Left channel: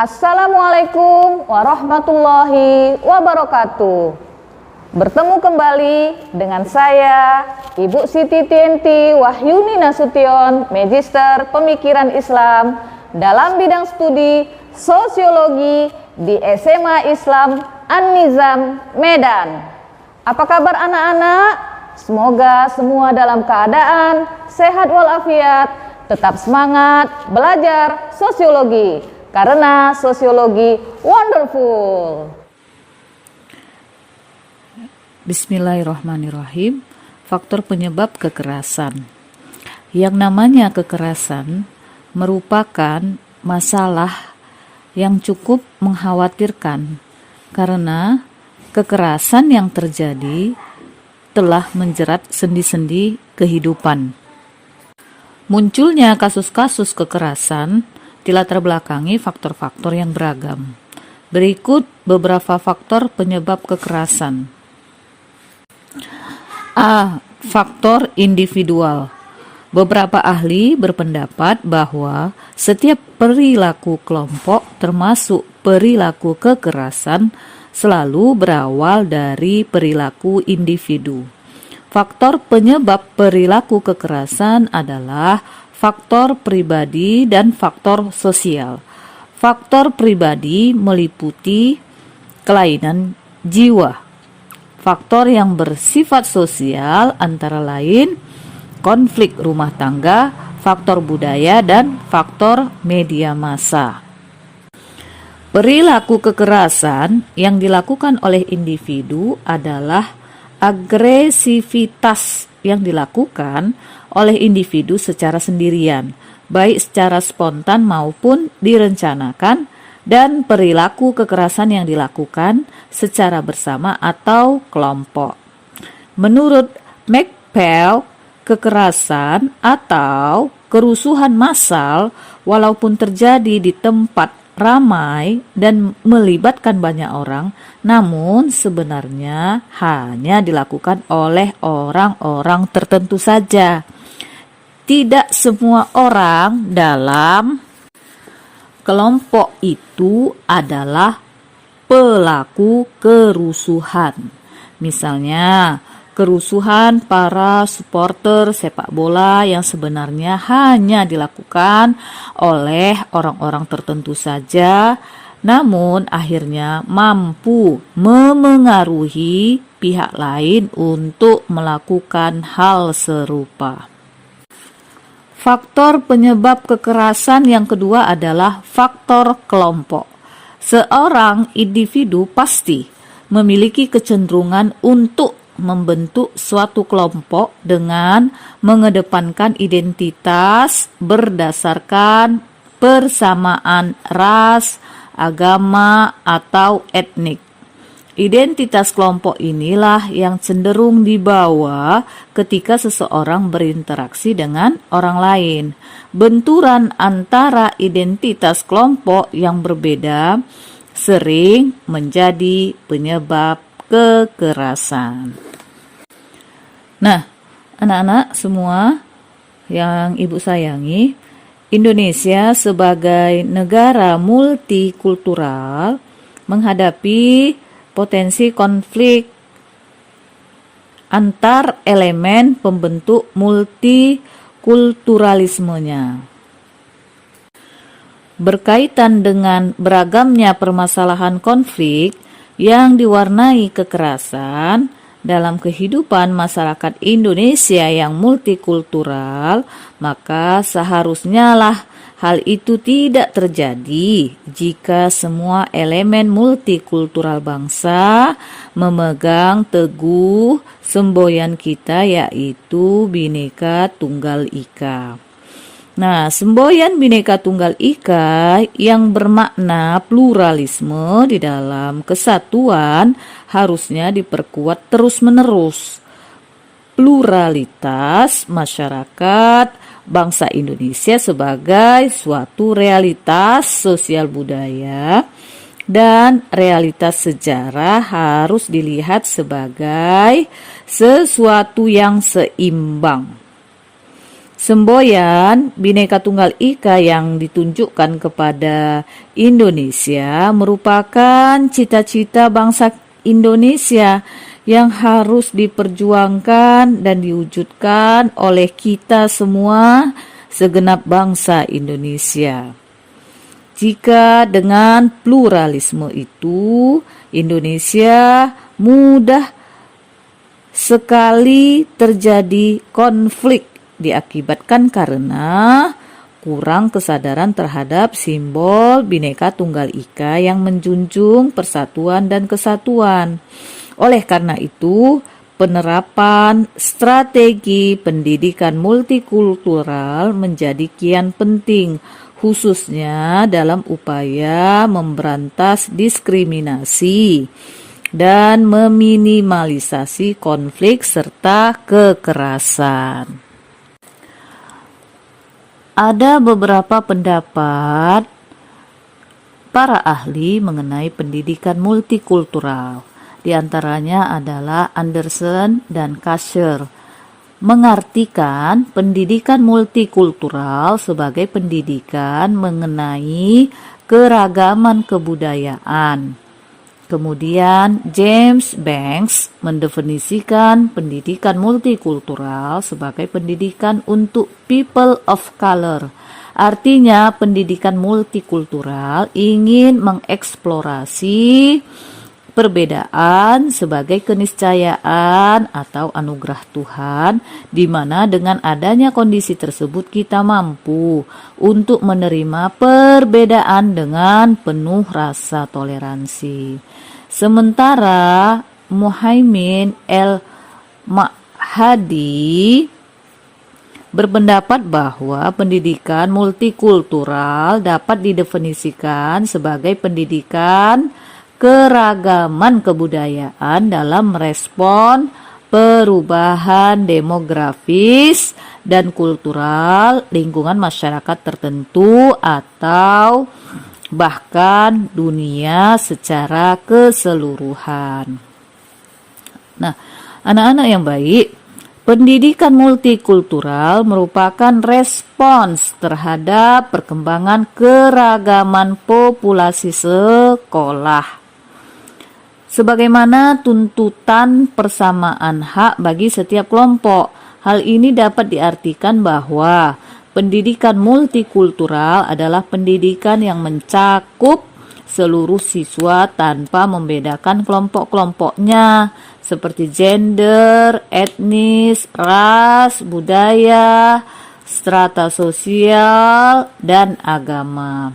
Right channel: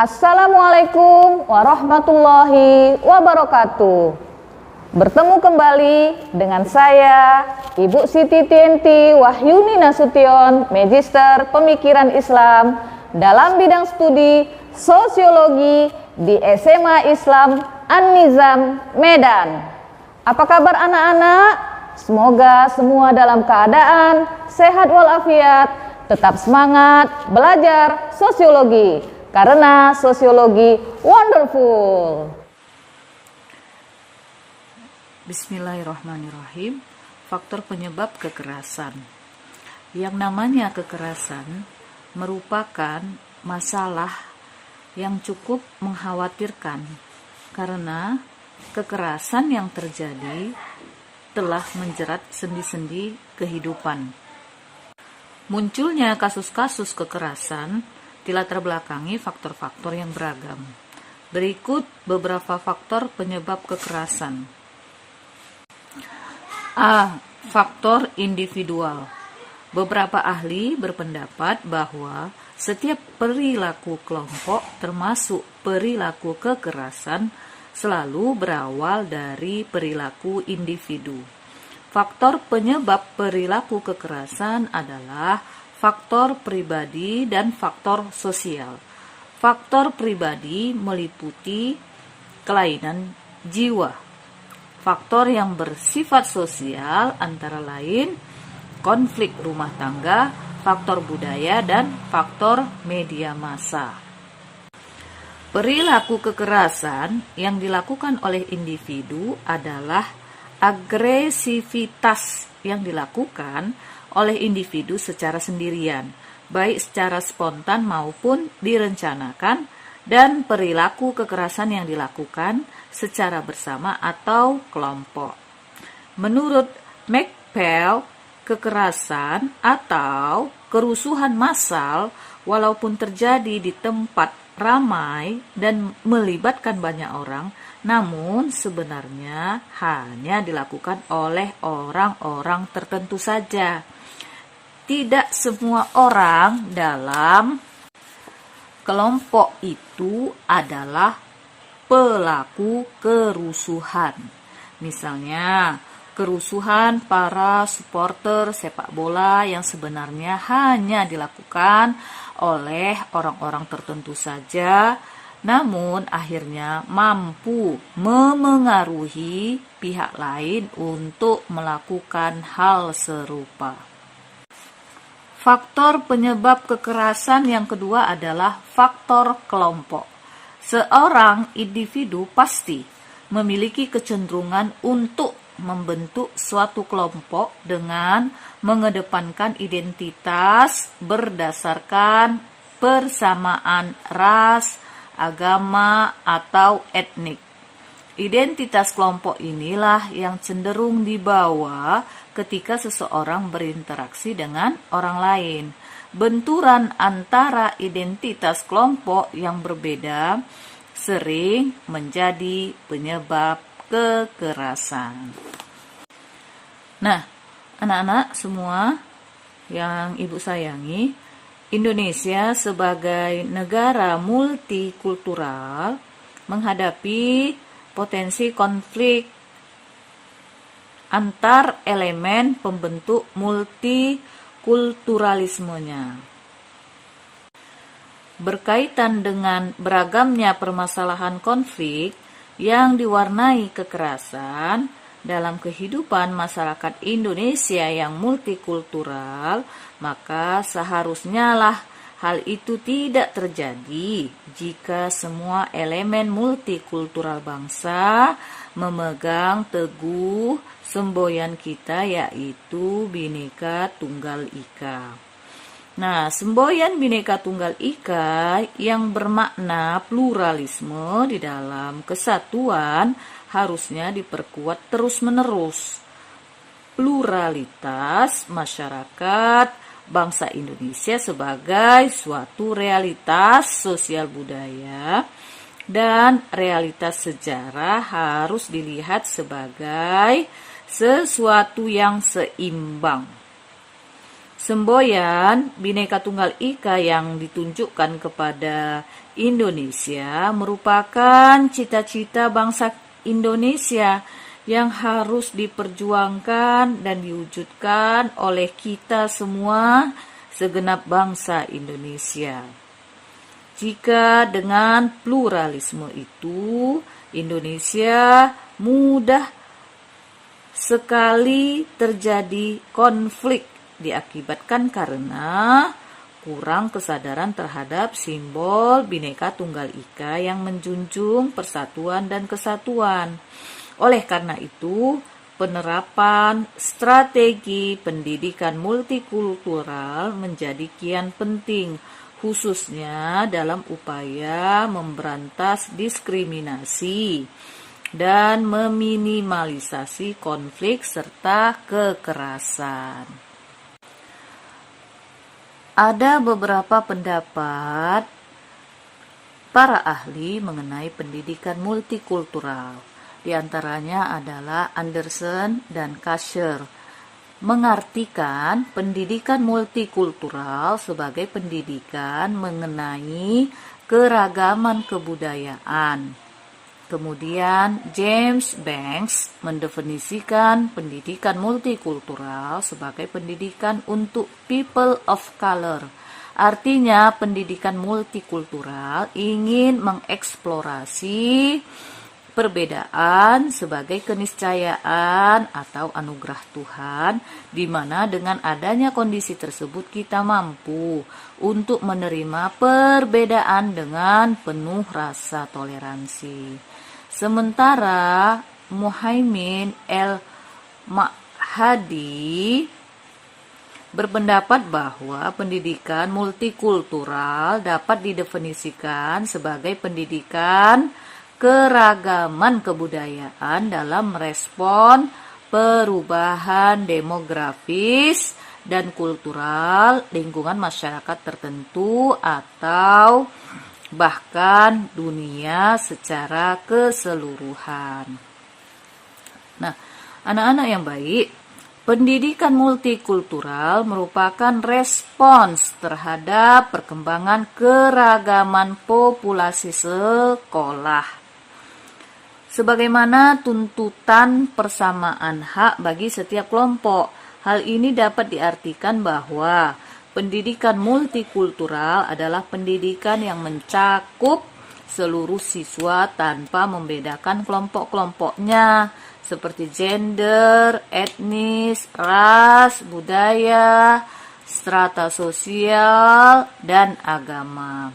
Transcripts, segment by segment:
Assalamualaikum warahmatullahi wabarakatuh. Bertemu kembali dengan saya, Ibu Siti Tienti Wahyuni Nasution, Magister Pemikiran Islam dalam bidang studi Sosiologi di SMA Islam An-Nizam, Medan. Apa kabar anak-anak? Semoga semua dalam keadaan sehat walafiat, tetap semangat belajar sosiologi, karena sosiologi wonderful. Bismillahirrahmanirrahim. Faktor penyebab kekerasan. Yang namanya kekerasan merupakan masalah yang cukup mengkhawatirkan karena kekerasan yang terjadi telah menjerat sendi-sendi kehidupan. Munculnya kasus-kasus kekerasan dilatar belakangi faktor-faktor yang beragam. Berikut beberapa faktor penyebab kekerasan. A. Faktor individual. Beberapa ahli berpendapat bahwa setiap perilaku kelompok termasuk perilaku kekerasan selalu berawal dari perilaku individu. Faktor penyebab perilaku kekerasan adalah faktor pribadi dan faktor sosial. Faktor pribadi meliputi kelainan jiwa. Faktor yang bersifat sosial antara lain konflik rumah tangga, faktor budaya, dan faktor media massa. Perilaku kekerasan yang dilakukan oleh individu adalah agresivitas yang dilakukan oleh individu secara sendirian, baik secara spontan maupun direncanakan, dan perilaku kekerasan yang dilakukan secara bersama atau kelompok. Menurut McPhail, kekerasan atau kerusuhan massal walaupun terjadi di tempat ramai dan melibatkan banyak orang, namun sebenarnya hanya dilakukan oleh orang-orang tertentu saja. Tidak semua orang dalam kelompok itu adalah pelaku kerusuhan. Misalnya, kerusuhan para supporter sepak bola yang sebenarnya hanya dilakukan oleh orang-orang tertentu saja, namun akhirnya mampu memengaruhi pihak lain untuk melakukan hal serupa. Faktor penyebab kekerasan yang kedua adalah faktor kelompok. Seorang individu pasti memiliki kecenderungan untuk membentuk suatu kelompok dengan mengedepankan identitas berdasarkan persamaan ras, agama, atau etnik. Identitas kelompok inilah yang cenderung dibawa ketika seseorang berinteraksi dengan orang lain. Benturan antara identitas kelompok yang berbeda sering menjadi penyebab kekerasan. Nah, anak-anak semua yang ibu sayangi, Indonesia sebagai negara multikultural menghadapi potensi konflik antar elemen pembentuk multikulturalismenya. Berkaitan dengan beragamnya permasalahan konflik yang diwarnai kekerasan dalam kehidupan masyarakat Indonesia yang multikultural, maka seharusnya lah hal itu tidak terjadi jika semua elemen multikultural bangsa memegang teguh semboyan kita, yaitu Bhinneka Tunggal Ika. Nah, semboyan Bhinneka Tunggal Ika yang bermakna pluralisme di dalam kesatuan harusnya diperkuat terus-menerus. Pluralitas masyarakat bangsa Indonesia sebagai suatu realitas sosial budaya dan realitas sejarah harus dilihat sebagai sesuatu yang seimbang. Semboyan Bhinneka Tunggal Ika yang ditunjukkan kepada Indonesia merupakan cita-cita bangsa Indonesia yang harus diperjuangkan dan diwujudkan oleh kita semua, segenap bangsa Indonesia. Jika dengan pluralisme itu, Indonesia mudah sekali terjadi konflik diakibatkan karena kurang kesadaran terhadap simbol Bhinneka Tunggal Ika yang menjunjung persatuan dan kesatuan. Oleh karena itu, penerapan strategi pendidikan multikultural menjadi kian penting, khususnya dalam upaya memberantas diskriminasi dan meminimalisasi konflik serta kekerasan. Ada beberapa pendapat para ahli mengenai pendidikan multikultural. Di antaranya adalah Anderson dan Kasher, mengartikan pendidikan multikultural sebagai pendidikan mengenai keragaman kebudayaan. Kemudian James Banks mendefinisikan pendidikan multikultural sebagai pendidikan untuk people of color. Artinya pendidikan multikultural ingin mengeksplorasi perbedaan sebagai keniscayaan atau anugerah Tuhan, di mana dengan adanya kondisi tersebut kita mampu untuk menerima perbedaan dengan penuh rasa toleransi. Sementara Muhaimin El-Mahdi berpendapat bahwa pendidikan multikultural dapat didefinisikan sebagai pendidikan keragaman kebudayaan dalam merespon perubahan demografis dan kultural lingkungan masyarakat tertentu atau bahkan dunia secara keseluruhan. Nah, anak-anak yang baik, pendidikan multikultural merupakan respons terhadap perkembangan keragaman populasi sekolah. Sebagaimana tuntutan persamaan hak bagi setiap kelompok, hal ini dapat diartikan bahwa pendidikan multikultural adalah pendidikan yang mencakup seluruh siswa tanpa membedakan kelompok-kelompoknya seperti gender, etnis, ras, budaya, strata sosial, dan agama.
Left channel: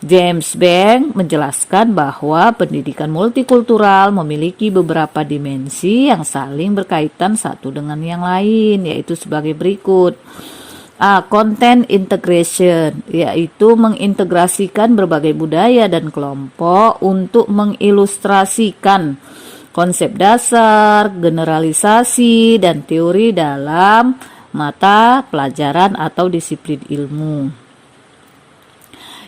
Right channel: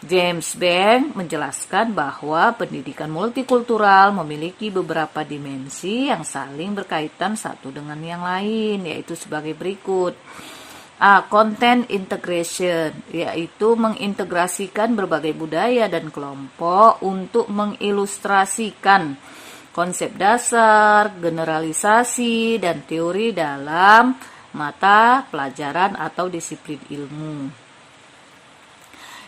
James Banks menjelaskan bahwa pendidikan multikultural memiliki beberapa dimensi yang saling berkaitan satu dengan yang lain, yaitu sebagai berikut. Content integration, yaitu mengintegrasikan berbagai budaya dan kelompok untuk mengilustrasikan konsep dasar, generalisasi, dan teori dalam mata pelajaran atau disiplin ilmu.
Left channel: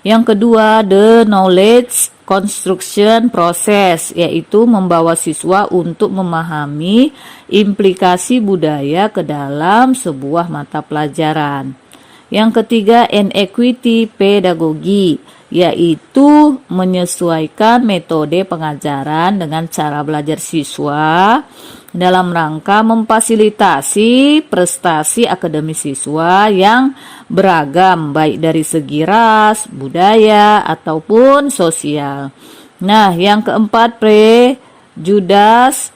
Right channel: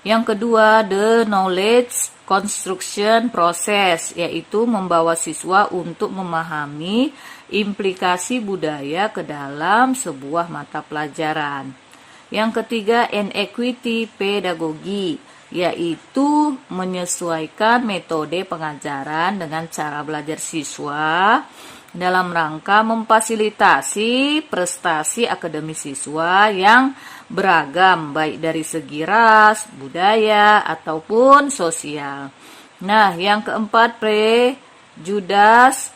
Yang kedua, the knowledge construction process, yaitu membawa siswa untuk memahami implikasi budaya ke dalam sebuah mata pelajaran. Yang ketiga, inequity pedagogy, yaitu menyesuaikan metode pengajaran dengan cara belajar siswa dalam rangka memfasilitasi prestasi akademis siswa yang beragam, baik dari segi ras, budaya, ataupun sosial. Nah, yang keempat, prejudice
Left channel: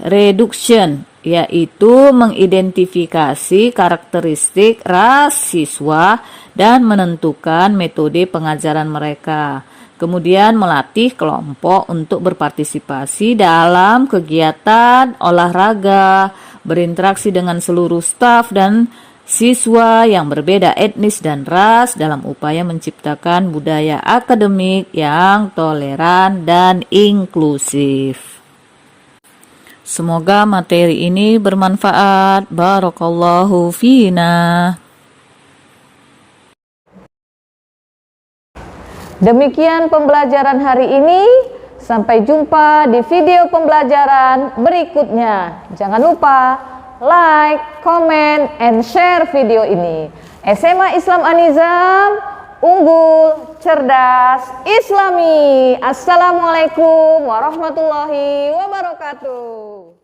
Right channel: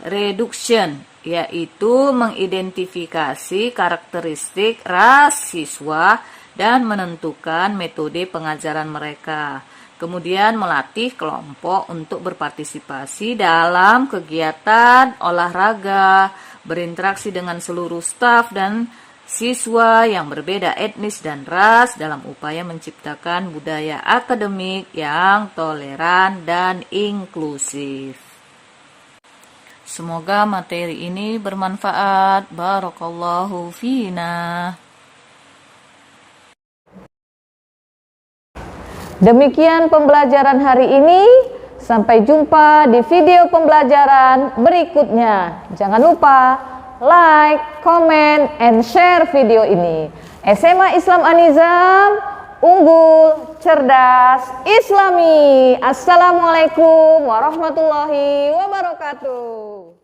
reduction, yaitu mengidentifikasi karakteristik ras siswa dan menentukan metode pengajaran mereka. Kemudian melatih kelompok untuk berpartisipasi dalam kegiatan olahraga, berinteraksi dengan seluruh staf dan siswa yang berbeda etnis dan ras dalam upaya menciptakan budaya akademik yang toleran dan inklusif. Semoga materi ini bermanfaat. Barakallahu fina. Demikian pembelajaran hari ini. Sampai jumpa di video pembelajaran berikutnya. Jangan lupa like, comment, and share video ini. SMA Islam An-Nizam, unggul, cerdas, Islami. Assalamualaikum warahmatullahi wabarakatuh.